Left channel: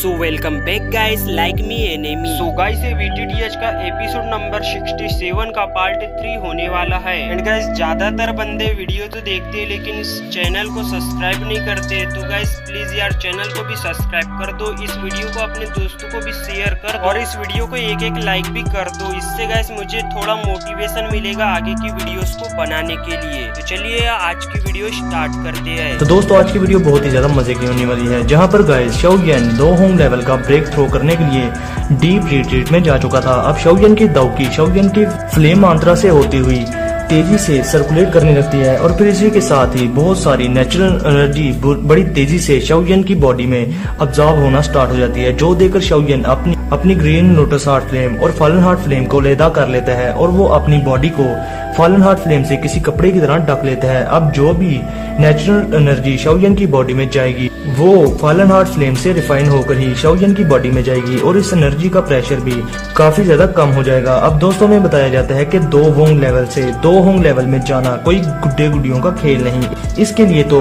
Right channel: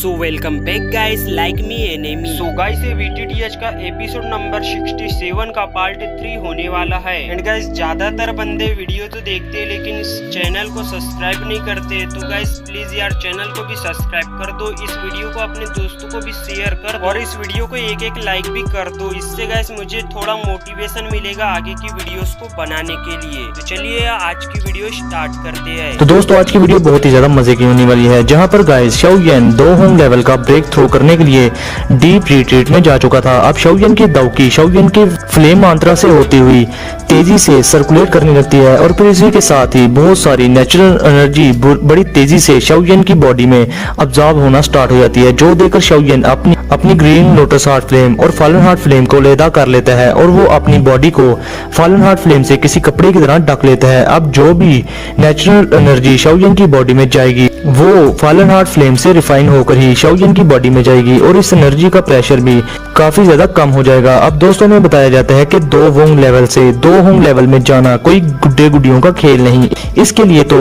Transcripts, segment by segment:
So welcome back guys, like me enemy. So guys ये VTTH का episode number 67 का part 3 होने वाला है। एंड गाइस ज्यादातर बंदे वीडियो तो देखते हैं लेकिन इस चैनल को सब्सक्राइब नहीं करते, तो गाइस प्लीज यार चैनल को भी सब्सक्राइब कर दो, इस वीडियो को अपने दोस्तों को भी शेयर कर दो और इस वीडियो को एक लाइक भी कर दो। इससे गाइस मुझे थोड़ा मोटिवेशन मिलेगा आगे की वीडियोस को बनाने के लिए। तो चलिए आज की वीडियो स्टार्ट करते हैं। तो दोस्तों आज की वीडियो बहुत ही ज्यादा मजे की होने वाली है, जहां पर गाइस शाओयन 2 होम लेवल का ब्रेक थ्रो करने के लिए डीप रिट्रीट में जा चुका था। अब शाओयन की दाउकी शाओयन की फ्लेम मंत्रा से होती हुई तेजी से सर्कुलेट करने लगती है और फिर इसी के साथ ही बहुत सारी नेचुरल एनर्जी बड़ी तेजी से शाओयन की बॉडी में अब्जॉर्ब होना स्टार्ट हो जाती है, जो देखकर शाओयन अपनी ग्रीन लोटस हार्ट फ्लेम और फॉलन हार्ट फ्लेम को अलहदा कर लेता है और वो अपनी बॉडी को फॉलन हार्ट फ्लेम से किसी कपड़े की तरह ढक लेता है। अब जो भी नेचुरल एनर्जी शाओयन की बॉडी में जाएगी वो फॉलन हार्ट फ्लेम से रिफाइन होकर ही शाओयन की बॉडी में जाएगी और इस एनर्जी का प्रेशर भी काफी ज्यादा कम हो जाएगा। अब दोस्तों में बताया जाता है कि 2 होम लेवल से 2 होम लेवल में जाना कोई गुड्डे गुड्डियों का खेल नहीं, इसके लिए तो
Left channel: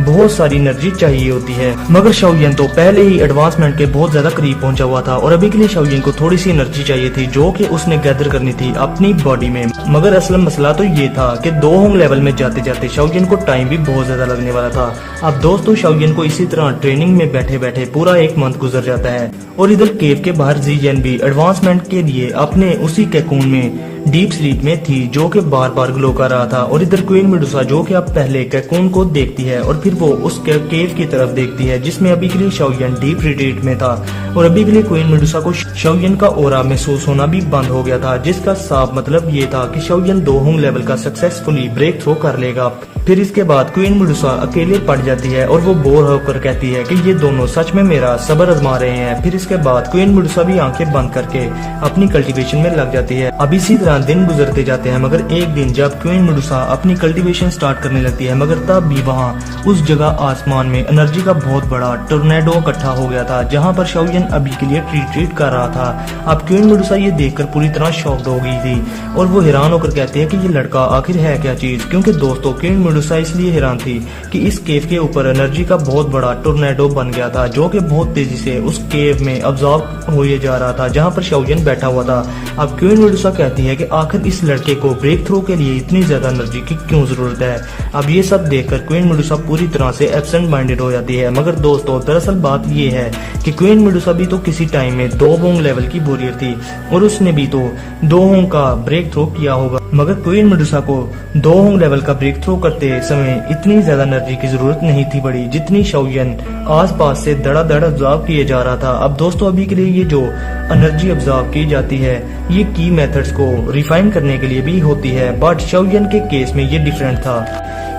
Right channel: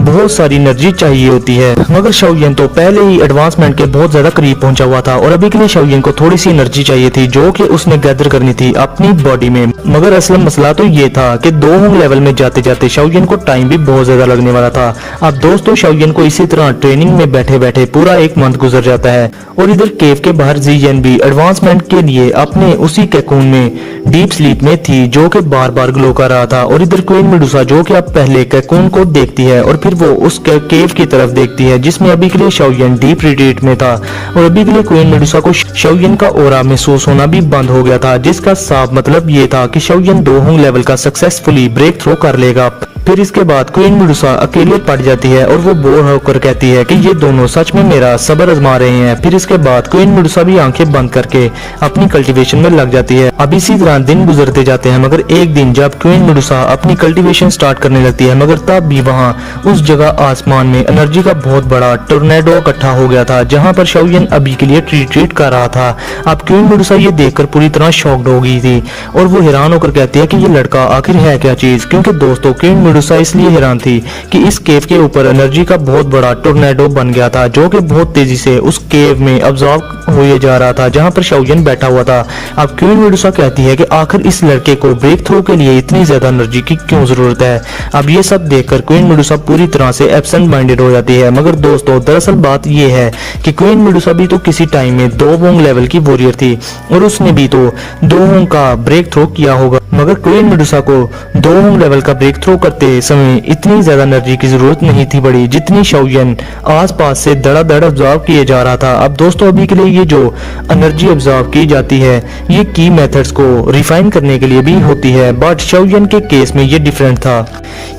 बहुत सारी एनर्जी चाहिए होती है। मगर शाओयन तो पहले ही एडवांसमेंट के बहुत ज्यादा करीब पहुंचा हुआ था और अभी के लिए शाओयन को थोड़ी सी एनर्जी चाहिए थी जो कि उसने गैदर करनी थी अपनी बॉडी में। मगर असल मसला तो ये था कि 2 होम लेवल में जाते जाते शाओयन को टाइम भी बहुत ज्यादा लगने वाला था। अब दोस्तों शाओयन को इसी तरह ट्रेनिंग में बैठे बैठे पूरा 1 मंथ गुजर जाता है और इधर केव के बाहर ज़ियन भी एडवांसमेंट के लिए अपने उसी कैकून में डीप स्लीप में थी जो कि बार बार ग्लो कर रहा था। और इधर क्वीन मेडुसा जो कि अब पहले कैकून को देखती है और फिर वो उस केव की तरफ देखती है जिसमें अभी के लिए शाओयन डीप रिट्रीट में था और अभी के लिए क्वीन मेडुसा को शाओयन का ऑरा महसूस होना भी बंद हो गया था, जिसका साफ मतलब ये था कि शाओयन 2 होम लेवल का सक्सेसफुली ब्रेक थ्रो कर लेगा। फिर इसके बाद क्वीन मेडुसा अकेले पड़ जाती है और वो बोर होकर कहती है कि ये दोनों सच में मेरा सब्र आजमा रहे हैं। फिर इसके बाद क्वीन मेडुसा भी आंखें बंद करके अपनी कल्टीवेशन में लग जाती है। अब इसी तरह दिन गुजरते जाते हैं, मगर एक दिन जब क्वीन मेडुसा अपनी कल्टीवेशन स्टार्ट करने लगती है, मगर तब भी वहाँ उस जगह आसमान में एनर्जी का बहुत बड़ा टोर्नेडो इकट्ठा हो गया था जहाँ पर शाओयन अभी के लिए रिट्रीट कर रहा था। अब क्वीन मेडुसा ये देखकर पूरी तरह शॉक्ड हो गई थी और वो हैरान होकर कहती है कि ये लड़का आखिर है क्या चीज, क्योंकि दोस्तों क्वीन मेडुसा इसलिए हैरान थी कि इस केव के ऊपर एनर्जी का बहुत बड़ा टोर्नेडो बन गया था जो कि बहुत तेजी से उस केव में अब्सॉर्ब हुए जा रहा था जहां पर शाओयन बैठा हुआ था। अब क्वीन मेडुसा कहती है कि आखिर इस लड़के को ब्रेक थ्रू के लिए इतनी ज्यादा एनर्जी की क्यों जरूरत है। अब ये सब देखकर क्वीन मेडुसा पूरी तरह से एब्सेंट माइंडेड हो जाती है। मगर दोस्तों दरअसल बात ये है कि क्वीन मेडुसा भी तो किसी टाइम में 2 होम लेवल की वॉरियर थी और उसने भी तो 2 होम का ब्रेक थ्रो किया होगा, मगर क्वीन मेडुसा को 2 होम लेवल का ब्रेक थ्रो करते समय इतनी ज्यादा एनर्जी की जरूरत नहीं थी बड़ी जितनी शाओयन आसपास से धड़ाधड़ ऑब्जर्व किए जा रहा था। अब दोस्तों अभी के लिए ये जो एनर्जी ऑब्जर्व की जाती है ये की मेथड्स को रिफाइन करने के लिए भी होती है, बट शाओयन के केस में ये डिफरेंट था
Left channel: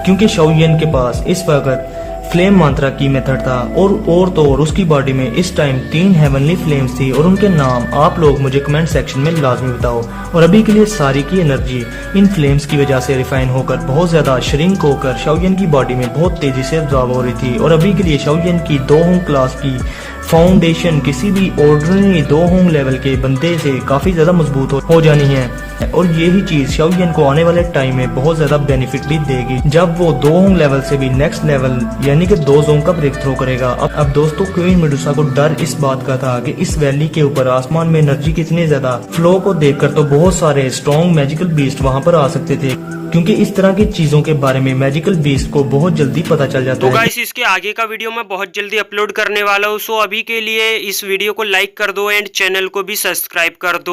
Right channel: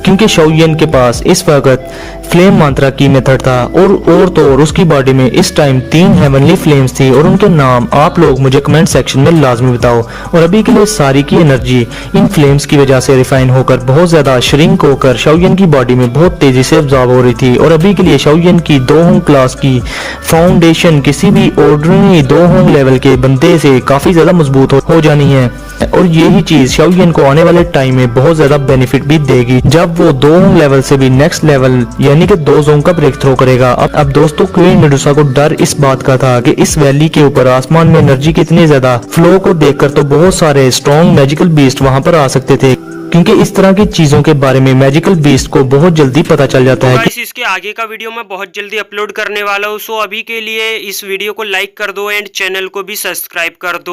क्योंकि शाओयन के पास इस वक्त फ्लेम मंत्रा की मेथड था और तो और उसकी बॉडी में इस टाइम 3 हेवनली फ्लेम्स थी और उनके नाम आप लोग मुझे कमेंट सेक्शन में लाजमी बताओ। और अभी के लिए सारी की एनर्जी इन फ्लेम्स की वजह से रिफाइन होकर बहुत ज्यादा श्रिंक होकर शाओयन की बॉडी में बहुत तेजी से अब्सॉर्ब हो रही थी और अभी के लिए शाओयन की 2 होम क्लास की फाउंडेशन किसी भी ऑर्डिनरी 2 होम लेवल के बंदे से काफी ज्यादा मजबूत हो जानी है और यही चीज शाओयन को आने वाले टाइम में बहुत ज्यादा बेनिफिट भी देगी जब वो 2 होम लेवल से भी नेक्स्ट लेवल यानी कि 2 जोन का ब्रेक थ्रो करेगा। अब दोस्तों क्वीन मेडुसा को डर इस बात का था कि इस वैली के ऊपर आसमान में एनर्जी कितनी ज्यादा फ्लो को देखकर तो बहुत सारे स्ट्रॉन्ग मैजिकल बीस्ट वहां पर आ सकते थे, क्योंकि इस तरह की चीजों के बारे में मैजिकल बीस्ट को बहुत जल्दी पता चल जाता है। गाइस इसके आगे का वीडियो मैं बहुत जल्दी अपलोड करने वाला हूँ, सो अभी के लिए इस वीडियो को लाइक कर दो एंड चैनल को भी सब्सक्राइब कर दो।